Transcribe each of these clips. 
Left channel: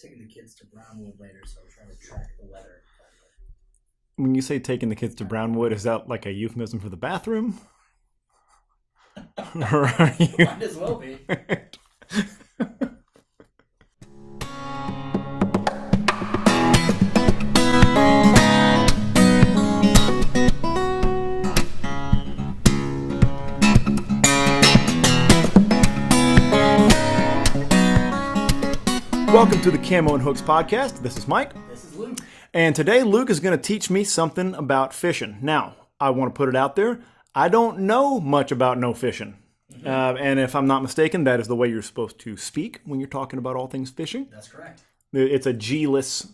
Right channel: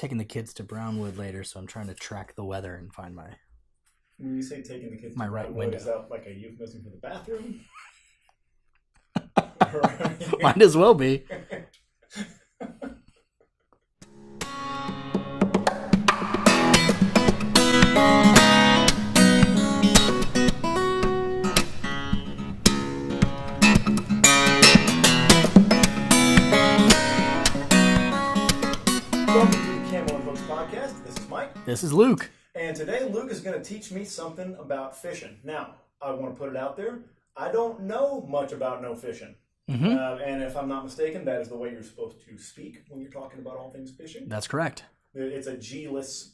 taking the kids to Brownwood later, so I'm trying to track the weather and find my... When you say taking the kids to Brownwood, is that like a euphemism for the bathroom? Might as well be. Welcome to the Camo and Hooks podcast. This is Mike. This is Luke. And today Luke is going to teach me something about fishing. Now, I want to put it out there. I don't know much about no fishing. Mm-hmm. And if I'm not mistaken, that is the way you're supposed to speak when you're talking about all things fishing. That's correct. It's a G-less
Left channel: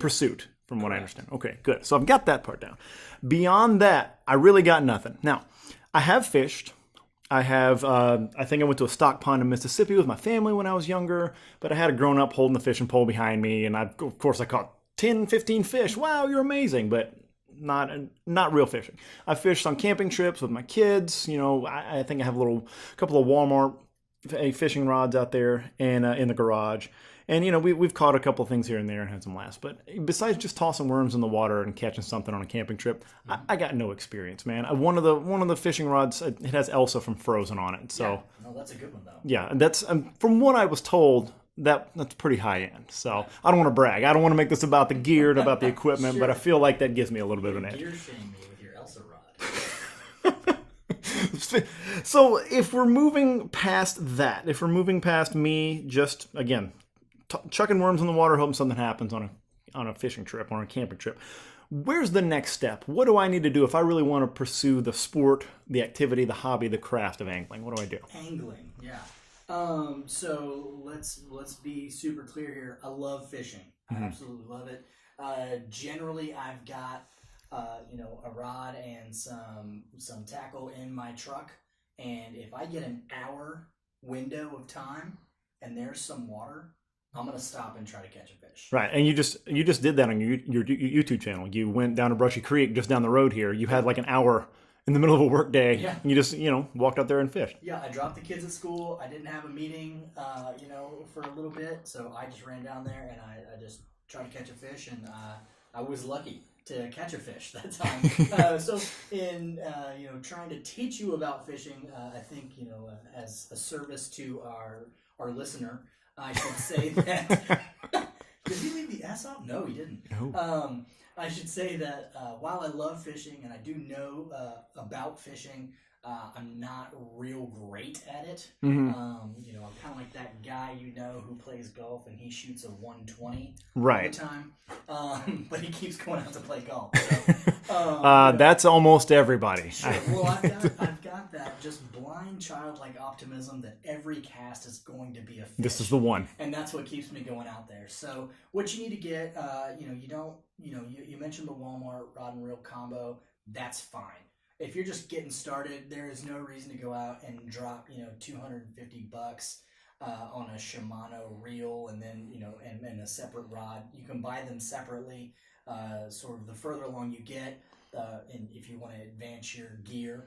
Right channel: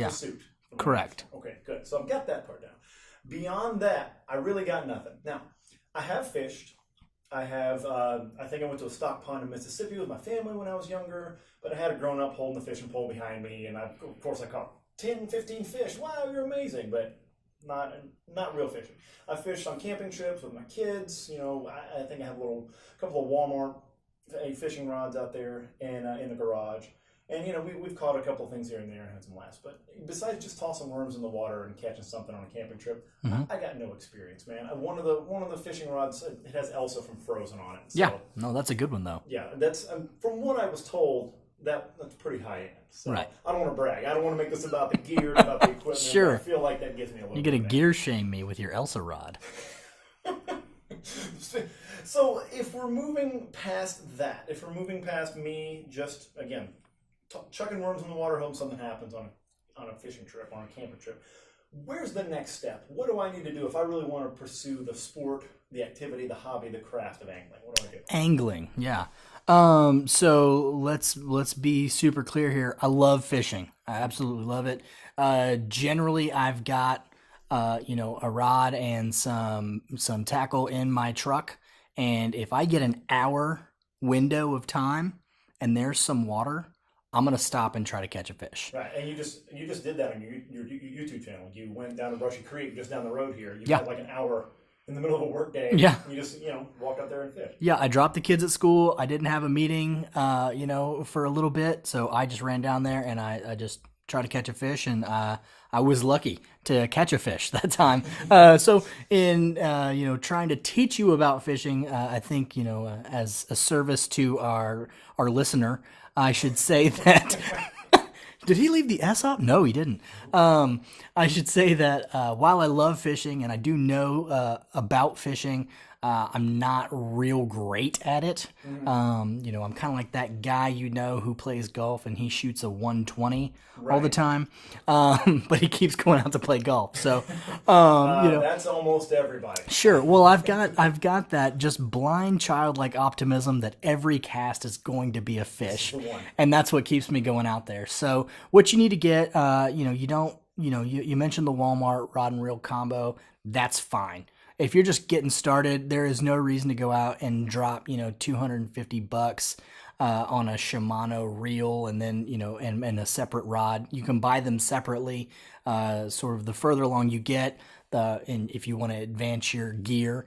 pursuit. From what I understand. Okay, good. So I've got that part down. Beyond that, I really got nothing. Now, I have fished. I have, I think I went to a stock pond in Mississippi with my family when I was younger, but I had a grown-up holding the fishing pole behind me, and of course I caught 10, 15 fish. Wow, you're amazing, but not real fishing. I fished on camping trips with my kids. You know, I think I have a couple of Walmart fishing rods out there and in the garage. And, you know, we've caught a couple of things here and there and had some laughs. But besides just tossing worms in the water and catching something on a camping trip, mm-hmm. I got no experience, man. One of the fishing rods, it has Elsa from Frozen on it. So, yeah, no, that's a good one, though. Yeah, and that's, from what I was told, that's pretty high end. So right. I don't want to brag. I don't want to make this about the gear and about the equipment, Sure. But I feel like that gives me a little bit of an edge. Gear shame me with your Elsa Rod. So if we're moving past that, if we're moving past me just, again, chucking worms in the water, hoping something happens on a fishing trip, on a camping trip, where's the next step? What do I need to do if I really want to pursue the sport, the activity, the hobby, the craft of angling? What do I do? Angling, yeah. So let's be super clear here. I love fishing. I absolutely love it. Generally, I've got a rod and some tackle in my truck, and if I get an hour window of time and there's some water, I'm going to stop and try to catch a fish. Right. And you just did that on your YouTube channel. You went down to Brushy Creek just down the road here. You've had like an hour in the middle of a work day. Yeah. And you just, walked out there and fished. Yeah. I dropped the kids at school. I didn't have a meeting, for a little bit. So I just ran down there and I just tried to catch a fish, and I was lucky to catch a fish that time. So in, trying to teach you about fishing, I think, as a service to our listener, I should say that... Did he leave the S up? No, he didn't. I should say that while I love fishing and I do know about fishing, I'm not real great at it. Mm-hmm. I'm kind of like that guy who plays golf and he shoots a 120 all the time, but he keeps going out to play golf. So that's almost everybody. Sure. Well, I've got that just blind childlike optimism that every cast is going to be a fish. This is the one, and that's what keeps me going out there. So what you need to get, you mentioned the Walmart rod and reel combo. That's fine. If you're just getting started, there is no reason to go out and drop, $250 on a Shimano reel and then, and a separate rod. You can buy them separately. Sort of the further along you get, and if you want to advance your gear,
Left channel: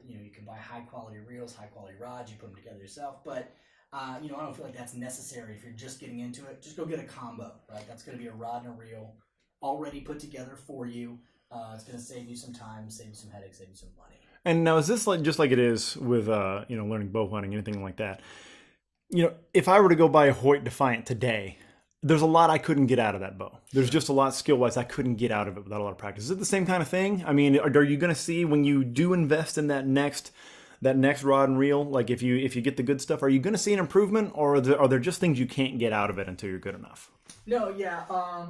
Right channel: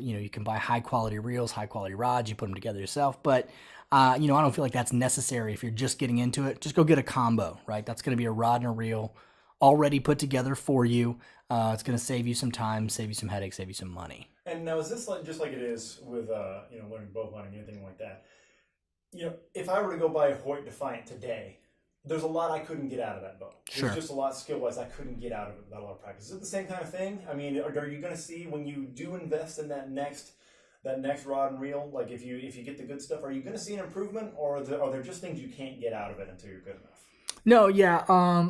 you can buy high quality reels, high quality rods. You put them together yourself. But I don't feel like that's necessary if you're just getting into it. Just go get a combo, right? That's going to be a rod and a reel already put together for you. It's going to save you some time, save you some headaches, save you some money. And now, is this just like it is with learning bow hunting, anything like that? If I were to go buy a Hoyt Defiant today, there's a lot I couldn't get out of that bow. There's just a lot skill-wise I couldn't get out of it without a lot of practice. Is it the same kind of thing? I mean, are you going to see when you do invest in that next rod and reel, like if you get the good stuff, are you going to see an improvement, or are there just things you can't get out of it until you're good enough? No, yeah,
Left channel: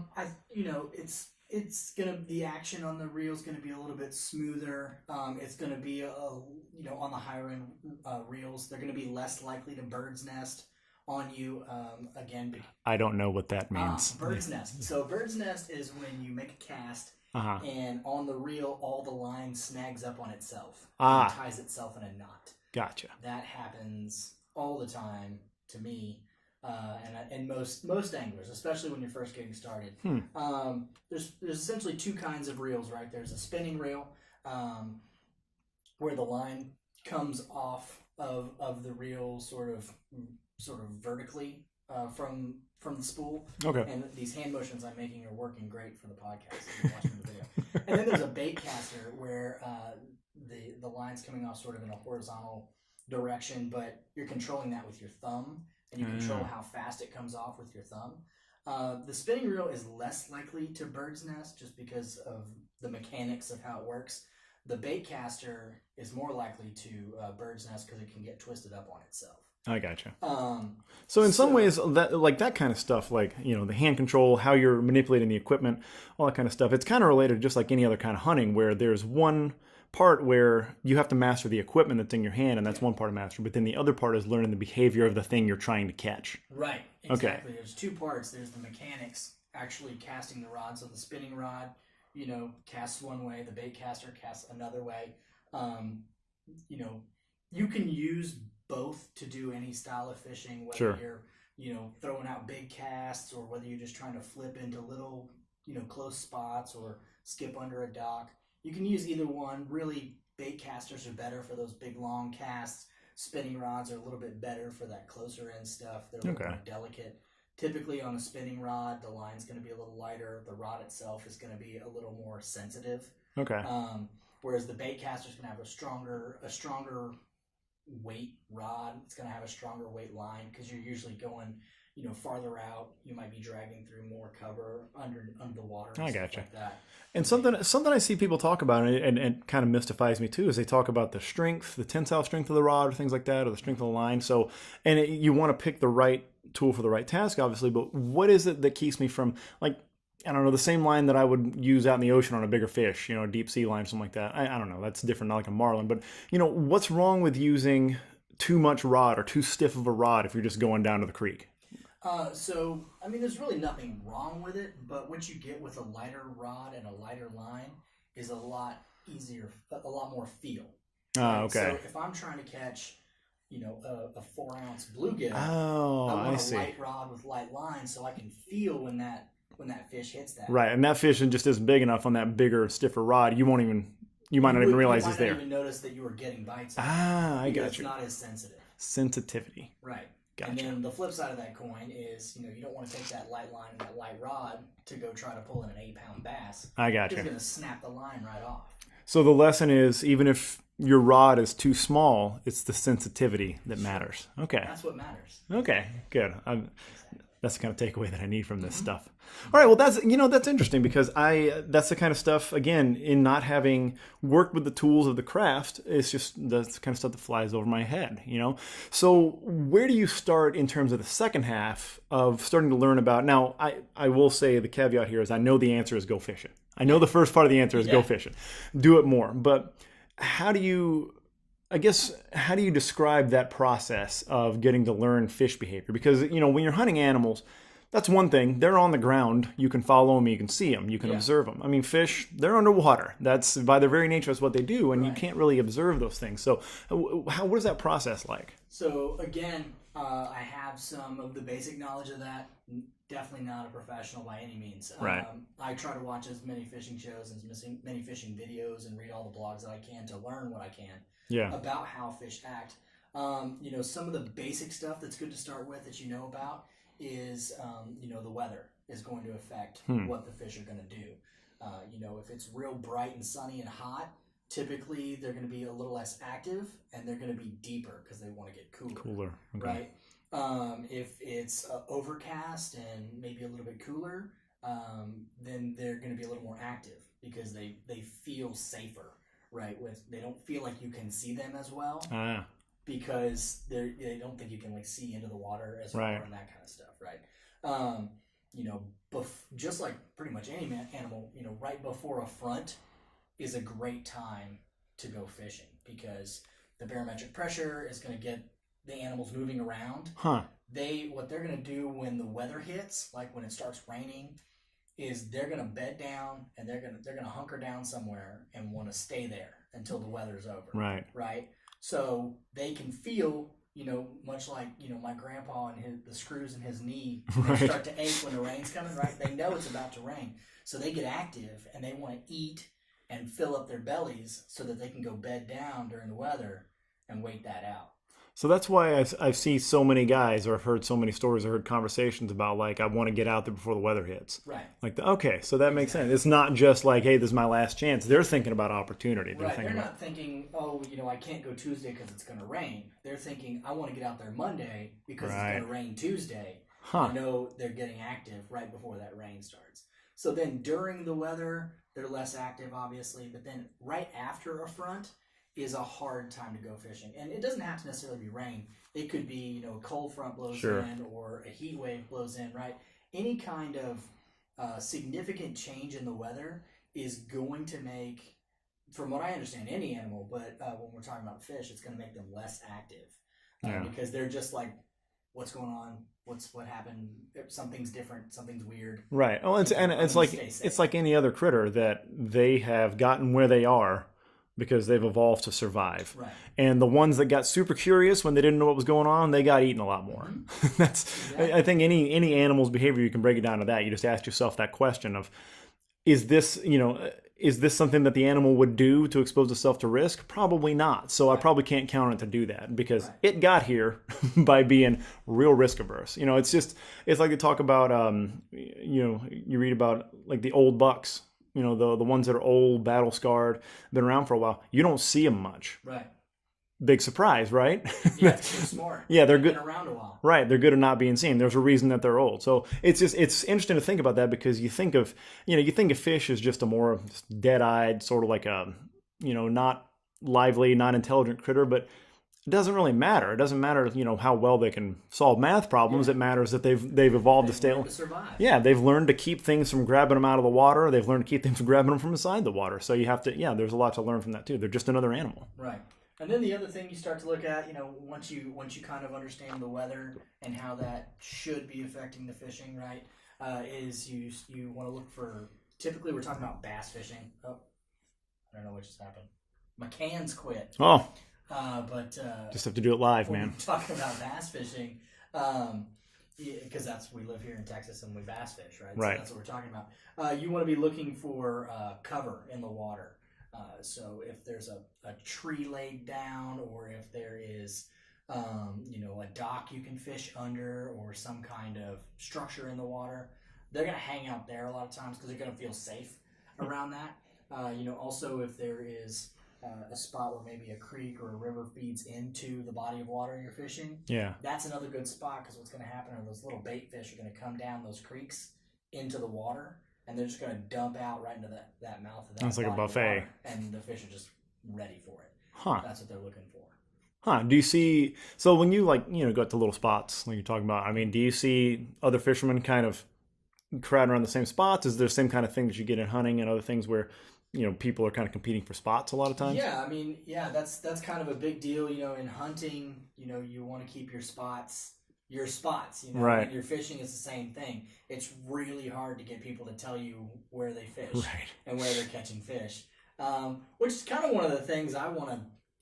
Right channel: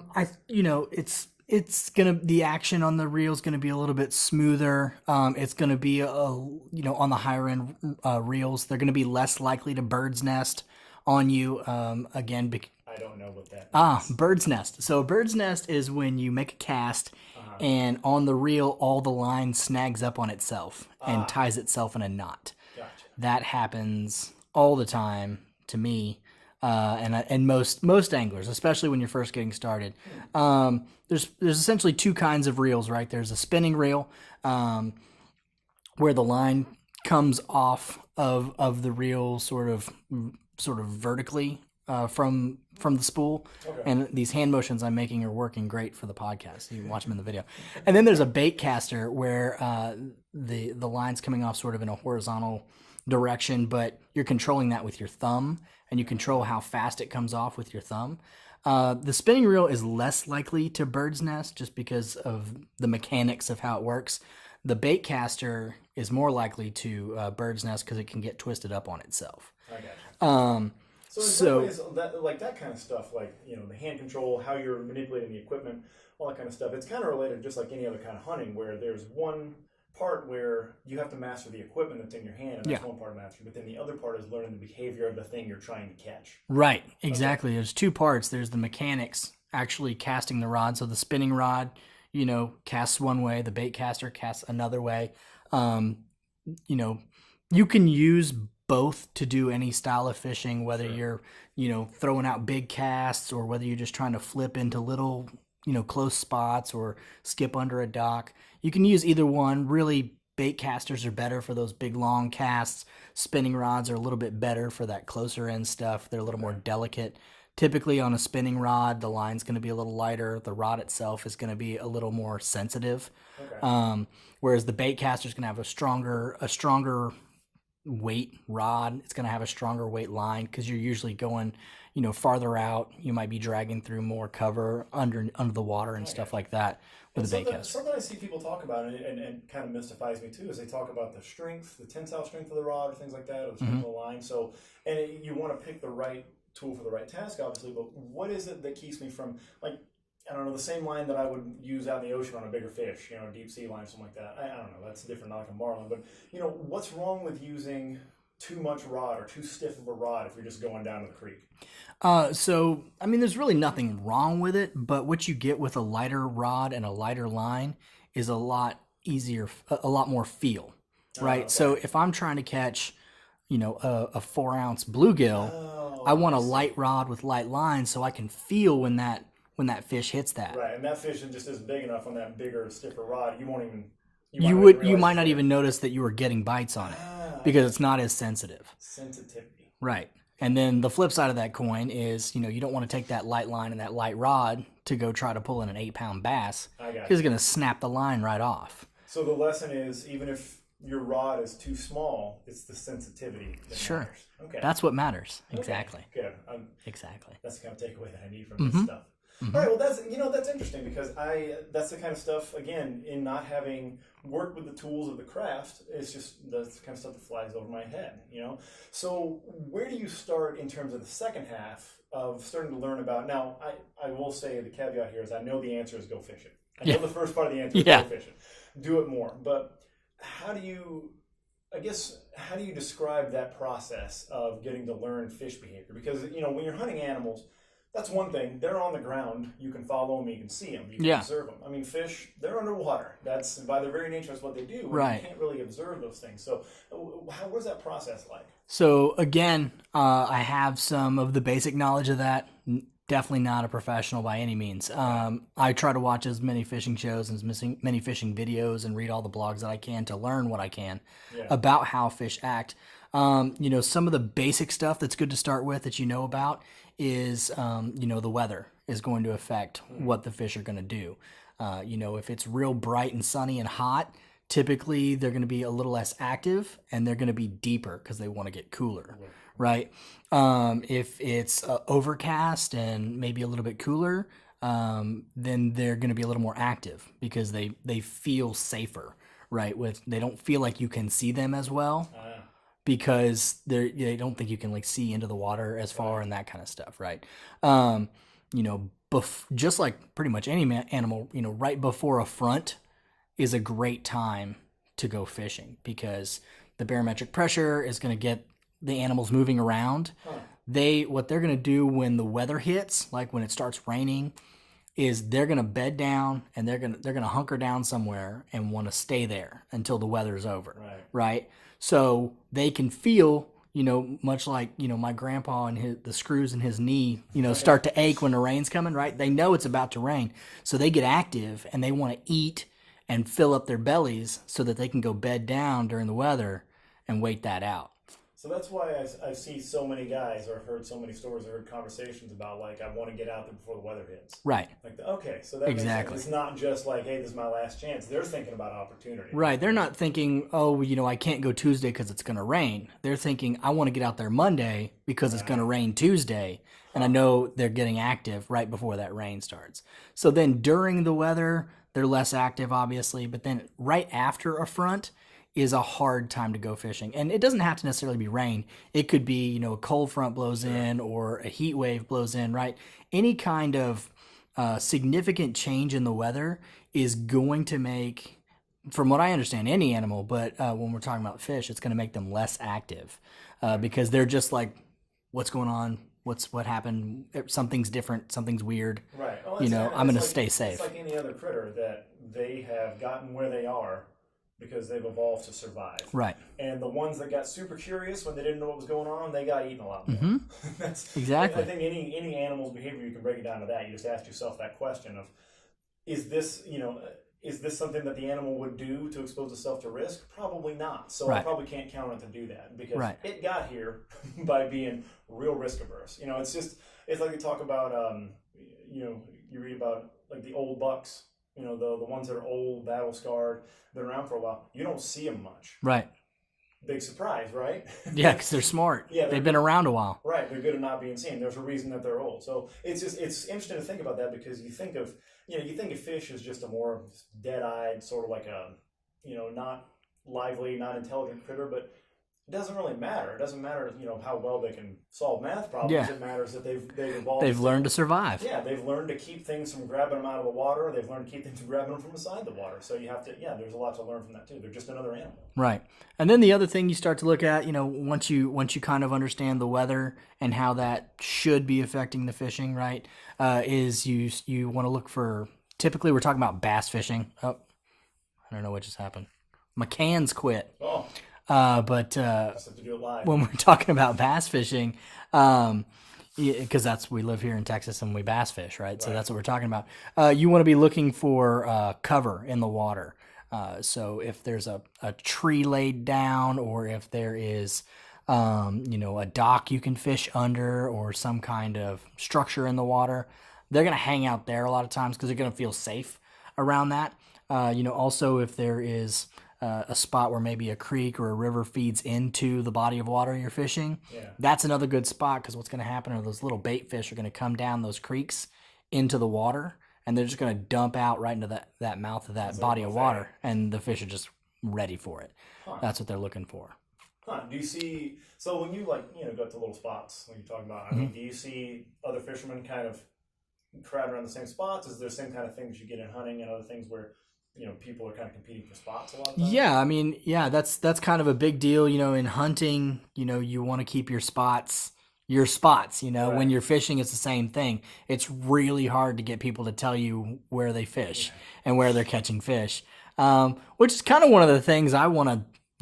it's the action on the reel is gonna be a little bit smoother. It's gonna be on the higher end reels, they're gonna be less likely to bird's nest on you. I don't know what that means. Bird's nest. So a bird's nest is when you make a cast and on the reel all the line snags up on itself and ties itself in a knot. Gotcha. That happens all the time to me. And most anglers, especially when you're first getting started. There's essentially two kinds of reels, right? There's a spinning reel, where the line comes off of the reel sort of vertically from from the spool. Okay. And these hand motions I'm making are working great for the podcast. You can watch them in the video. And then there's a bait caster where the line's coming off sort of in a horizontal direction, but you're controlling that with your thumb, and you control how fast it comes off with your thumb. The spinning reel is less likely to bird's nest just because of the mechanics of how it works. The bait caster is more likely to bird's nest because it can get twisted up on itself. I gotcha. So in some ways, that kind of stuff, like, the hand control, how you're manipulating the equipment, all that kind of stuff, it's kind of related just like any other kind of hunting, where there's one part where you have to master the equipment that's in your hand, and that's one part of mastery, but then the other part is learning the behavior of the thing you're trying to catch. Right, exactly. Okay. There's two parts. There's the mechanics, actually casting the rod. So the spinning rod, casts one way, the bait caster casts another way. You can use both to do any style of fishing, whether you're, throwing out big casts or whether you're just trying to flip into little, close spots or skip under a dock. You can use either one. Really, bait casters are better for those big, long casts. Spinning rods are a little bit better for that closer end stuff. They're a little more delicate. Typically on a spinning rod, the line's going to be a little lighter. The rod itself is going to be a little more sensitive. Okay. Whereas the bait caster is going to have a stronger weight rod. It's going to have a stronger weight line because you're usually going, farther out. You might be dragging through more cover under the water and stuff like that. And something I see people talk about, and it kind of mystifies me too, is they talk about the strength, the tensile strength of the rod, or things like that, or the strength of the line. So, you want to pick the right tool for the right task, obviously, but what is it that keeps me from, like, I don't know, the same line that I would use out in the ocean on a bigger fish, a deep sea line, something like that. I don't know, that's different, not like a marlin, but, what's wrong with using too much rod or too stiff of a rod if you're just going down to the creek? There's really nothing wrong with it, but what you get with a lighter rod and a lighter line is a lot easier, a lot more feel, right? Okay. So if I'm trying to catch, a 4-ounce bluegill, I want a light rod with light line so I can feel when that fish hits that. Right, and that fish just isn't big enough on that bigger, stiffer rod. You might not even notice that you were getting bites on it because it's not as sensitive. Sensitivity. Right. And then the flip side of that coin is, you don't want to take that light line and that light rod to go try to pull in an 8-pound bass. I got you. It's going to snap the line right off. So the lesson is, even if your rod is too small, it's the sensitivity that matters. Okay. That's what matters. Okay. Exactly. Good. Exactly. That's the kind of takeaway that I need from this stuff. Mm-hmm. All right, well, that's interesting because that's the kind of stuff, again, in not having worked with the tools of the craft, it's just that's the kind of stuff that flies over my head, So where do you start in terms of the second half of starting to learn about, now, I will say the caveat here is I know the answer is go fishing. I know the first part of the answer is go fishing. Do it more. But how do you describe that process of getting to learn fish behavior? Because, when you're hunting animals, that's one thing. They're on the ground. You can follow them. You can see them. You can observe them. I mean, fish, they're underwater. That's, by their very nature, that's what they do. And you can't really observe those things. So what is that process like? So, again, I have some of the basic knowledge of that. Definitely not a professional by any means. Right. I try to watch as many fishing shows and as many fishing videos and read all the blogs that I can to learn what I can about how fish act. Some of the basic stuff that's good to start with that about is, the weather is going to affect what the fish are going to do. If it's real bright and sunny and hot, typically they're going to be a little less active and they're going to be deeper because they want to get cooler. Right? If it's overcast and maybe a little bit cooler, then they're going to be a little more active because they feel safer, right? They don't feel like you can see them as well. Because they don't think you can see into the water as far and that kind of stuff, right? Just like pretty much any animal, right before a front is a great time to go fishing because the barometric pressure is going to get the animals moving around. What they're going to do when the weather hits, like when it starts raining, is they're going to bed down and they're going to hunker down somewhere and want to stay there until the weather is over. Right. So they can feel, much like, my grandpa and the screws in his knee, start to ache when the rain's coming, right? They know it's about to rain. So they get active and they want to eat and fill up their bellies so that they can go bed down during the weather and wait that out. So that's why I see so many guys, or I've heard so many stories, I heard conversations about, like, I want to get out there before the weather hits. Right. Like, okay, so that makes sense. It's not just like, hey, this is my last chance. They're thinking about opportunity. Right. They're not thinking, oh, I can't go Tuesday because it's going to rain. They're thinking, I want to get out there Monday because it's going to rain Tuesday. And I know they're getting active right before that rain starts. So then during the weather, they're less active, obviously. But then right after a front is a hard time to go fishing. And it doesn't have to necessarily be rain. It could be, a cold front blows in or a heat wave blows in, right? Any kind of significant change in the weather is going to make, from what I understand, any animal, but when we're talking about fish, it's going to make them less active because they're just like, what's going on? What happened? Something's different. Something's weird. Right. Oh, I'm going to stay safe. It's like any other critter that they have gotten where they are because they've evolved to survive. Right. And the ones that got super curious when they didn't know what was going on, they got eaten a lot more. Mm-hmm. That's exactly. I think any animal's behavior, you can break it down to that. You just ask yourself that question of, is this something that the animal would do to expose itself to risk? Probably not. So I probably can't count on it to do that because it got here by being real risk averse. It's like they talk about, you read about like the old bucks, the ones that are old, battle scarred, been around for a while. You don't see them much. Right. Big surprise, right? Yeah, because they're smart. Yeah, they've been around a while. Right, they're good at not being seen. There's a reason that they're old. So it's interesting to think about that because you think of fish as just a more dead-eyed, sort of like a, not lively, not intelligent critter, but it doesn't really matter. It doesn't matter, how well they can solve math problems. Yeah. It matters that they've evolved. They've learned to survive. Yeah, they've learned to keep things from grabbing them out of the water. They've learned to keep things from grabbing them from inside the water. So you have to, there's a lot to learn from that too. They're just another animal. Right. And then the other thing you start to look at, once you kind of understand the weather and how that should be affecting the fishing, right, is you want to look for, typically we're talking about bass fishing. Oh, I don't know what just happened. My cans quit. Oh. But just have to do it live. When we're talking about bass fishing, because we live here in Texas and we bass fish, right? So that's what we're talking about. You want to be looking for cover in the water. So if there's a tree laid down, or if there is, a dock you can fish under, or some kind of structure in the water, they're going to hang out there a lot of times because they're going to feel safe around that. Also if there is a spot where maybe a creek or a river feeds into the body of water you're fishing, that's another good spot because what's going to happen are those little bait fish are going to come down those creeks into the water. And they're just going to dump out right into that mouth of that body of water. And the fish are just ready for it. Huh. That's what they're looking for. Huh. Do you see, so when you go to little spots like you're talking about, I mean, do you see other fishermen kind of crowding around the same spots? Is there the same kind of thing that you get in hunting and other things where, people are kind of competing for spots a lot of times? Yeah. I mean, that's kind of a big deal, in hunting, you want to keep your spots. When you're fishing, it's the same thing. It's really hard to get people to tell you where they fish and where they're catching fish, which is kind of one of the things I want to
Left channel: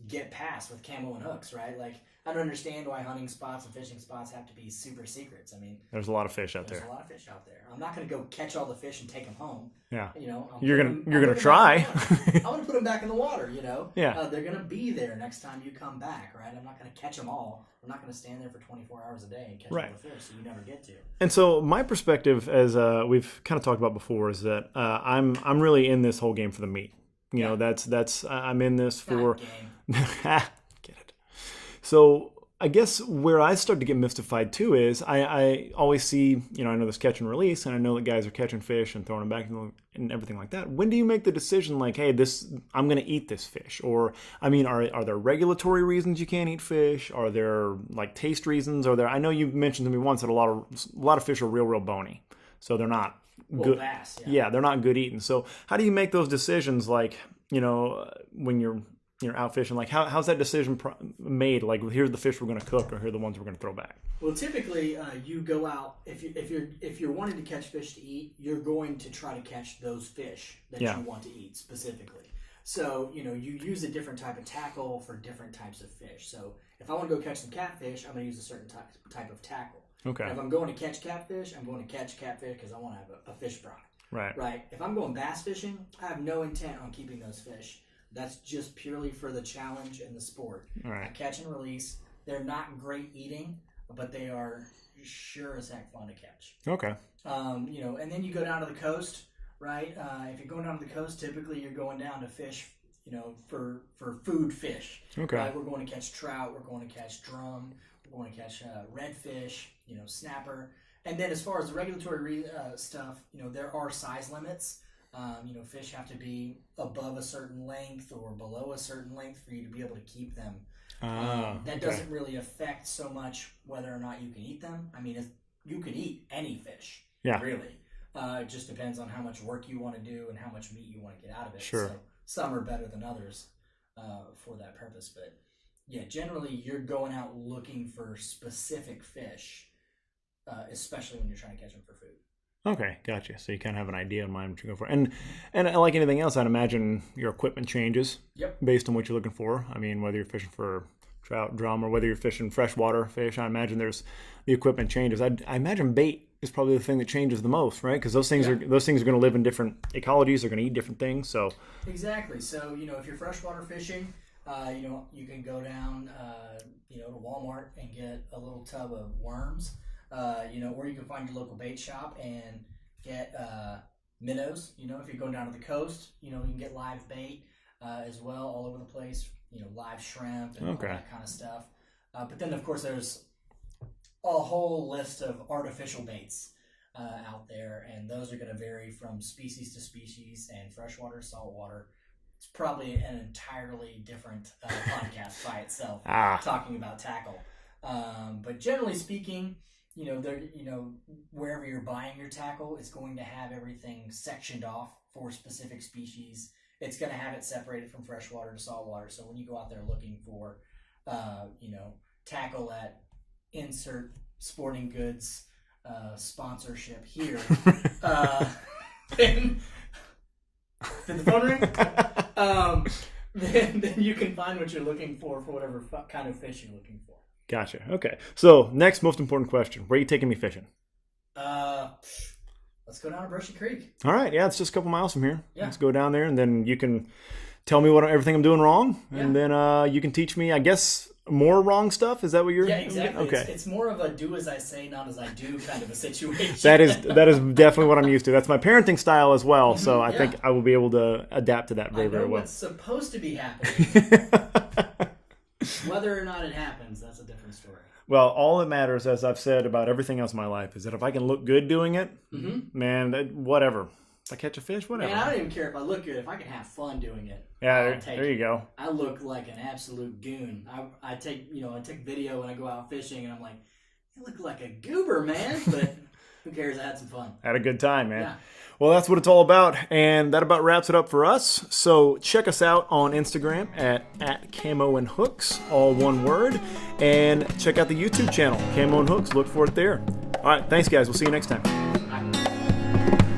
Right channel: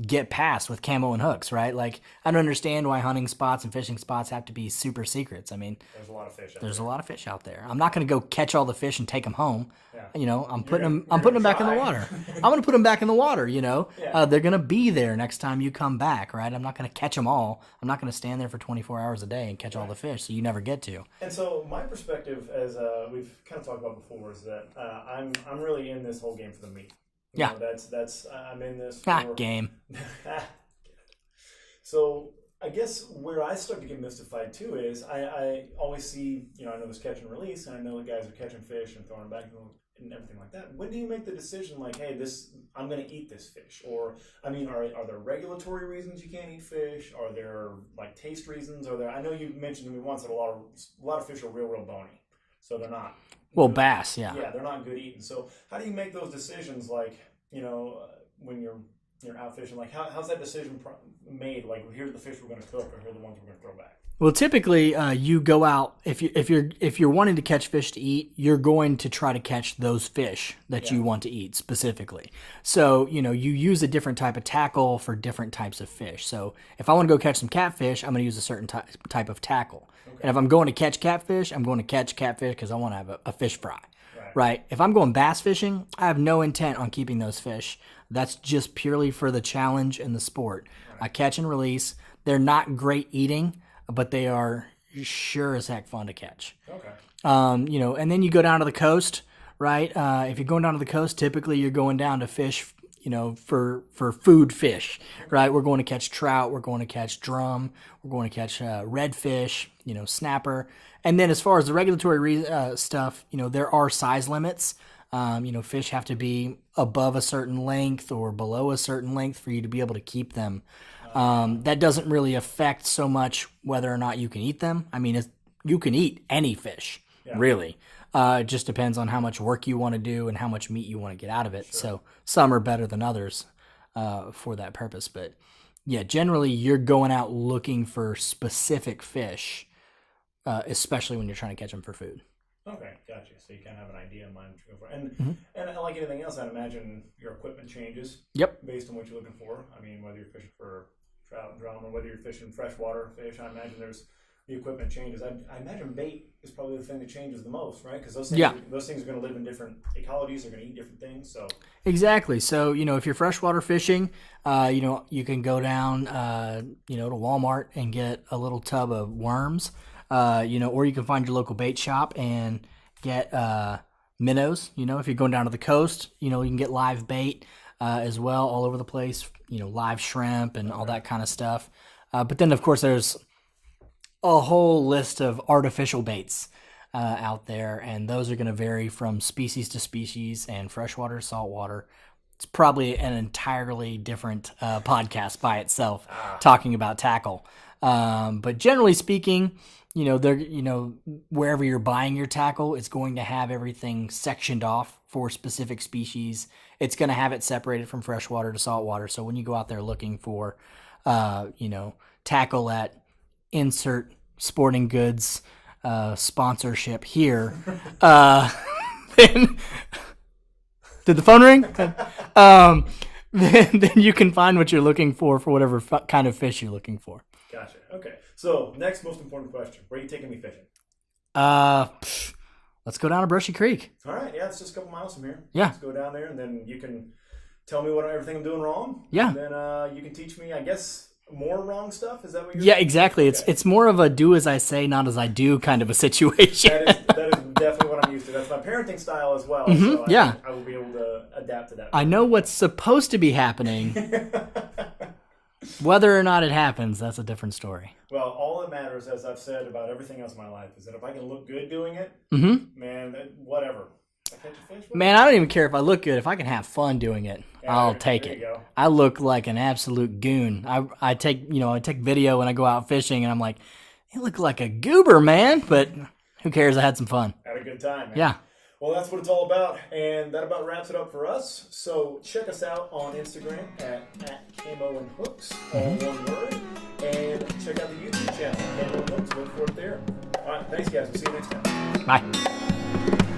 get past with Camo and hooks, right? Like, I don't understand why hunting spots and fishing spots have to be super secrets. I mean, there's a lot of fish out there. There's a lot of fish out there. I'm not going to go catch all the fish and take them home. Yeah. I'm putting them back in the water. I'm going to put them back in the water, Yeah. They're going to be there next time you come back, right? I'm not going to catch them all. I'm not going to stand there for 24 hours a day and catch all the fish, so you never get to. And so my perspective, as we've kind of talked about before, is that I'm really in this whole game for the meat. You know, that's I'm in this for game. Get it. So I guess where I start to get mystified too is I always see, I know there's catch and release, and I know that guys are catching fish and throwing them back and everything like that. When do you make the decision like, hey, I'm going to eat this fish? Or, I mean, are there regulatory reasons you can't eat fish? Are there like taste reasons? I know you mentioned to me once that a lot of fish are real bony, so they're not. Well, bass, yeah, they're not good eating. So how do you make those decisions? Like, when you're out fishing, like how's that decision made? Like, here's the fish we're going to cook, or here are the ones we're going to throw back. Well, typically, you go out if you're wanting to catch fish to eat, you're going to try to catch those fish that you want to eat specifically. So you use a different type of tackle for different types of fish. So if I want to go catch some catfish, I'm going to use a certain type of tackle. Okay. And if I'm going to catch catfish, I'm going to catch catfish because I want to have a fish fry. Right. If I'm going bass fishing, I have no intent on keeping those fish. That's just purely for the challenge and the sport. Right. I catch and release. They're not great eating, but they are sure as heck fun to catch. Okay. You know, and then you go down to the coast, right? If you're going down to the coast, typically you're going down to fish, you know, for food fish, right? We're going to catch trout, we're going to catch drum, we're going to catch redfish, you know, snapper. And then as far as the regulatory stuff, you know, there are size limits. You know, fish have to be above a certain length or below a certain length for you to be able to keep them. That doesn't really affect so much whether or not you can eat them. I mean, you can eat any fish, really. It just depends on how much work you want to do and how much meat you want to get out of it. Sure. So some are better than others for that purpose. But yeah, generally you're going out looking for specific fish, especially when you're trying to catch them for food. Okay, gotcha. So you kind of have an idea in mind what you're going for. And like anything else, I'd imagine your equipment changes. Yep. Based on what you're looking for. I mean, whether you're fishing for trout, drum, or whether you're fishing freshwater fish, I imagine the equipment changes. I imagine bait is probably the thing that changes the most, right? Because those things are going to live in different ecologies. They're going to eat different things. So exactly. So you know, if you're freshwater fishing, you know, you can go down, you know, to Walmart and get a little tub of worms. You know, or you can find your local bait shop and get minnows. You know, if you're going down to the coast, you know, you can get live bait as well all over the place. You know, live shrimp and all that kind of stuff. But then, of course, there's a whole list of artificial baits out there, and those are going to vary from species to species and freshwater, saltwater. It's probably an entirely different podcast by itself, talking about tackle. But generally speaking, you know, wherever you're buying your tackle, it's going to have everything sectioned off for specific species. It's going to have it separated from freshwater to saltwater. So when you go out there looking for, you know, tackle at insert sporting goods sponsorship here, then did the phone ring? Then you can find what you're looking for whatever kind of fish you're looking for. Gotcha. Okay. So next most important question. Where are you taking me fishing? Let's go down to Brushy Creek. All right. Yeah, it's just a couple miles from here. Yeah. Let's go down there, and then you can tell me everything I'm doing wrong. Yeah. And then you can teach me, I guess, more wrong stuff. Is that what you're? Yeah, exactly. Okay. It's more of a do as I say, not as I do kind of a situation. that is definitely what I'm used to. That's my parenting style as well. Mm-hmm. So I think I will be able to adapt to that. I know what's supposed to be happening. Whether or not it happens, that's a different story. Well, all that matters, as I've said about everything else in my life, is that if I can look good doing it, man, whatever. If I catch a fish, whatever. Man, I don't even care if I look good. If I can have fun doing it, I'll take it. There you go. I look like an absolute goon. I take video when I go out fishing, and I'm like, you look like a goober, man. But who cares? I had some fun. Had a good time, man. Yeah. Well, that's what it's all about, and that about wraps it up for us. So check us out on Instagram at Camo and Hooks, all one word, and check out the YouTube channel, Camo and Hooks. Look for it there. All right, thanks, guys. We'll see you next time. Bye.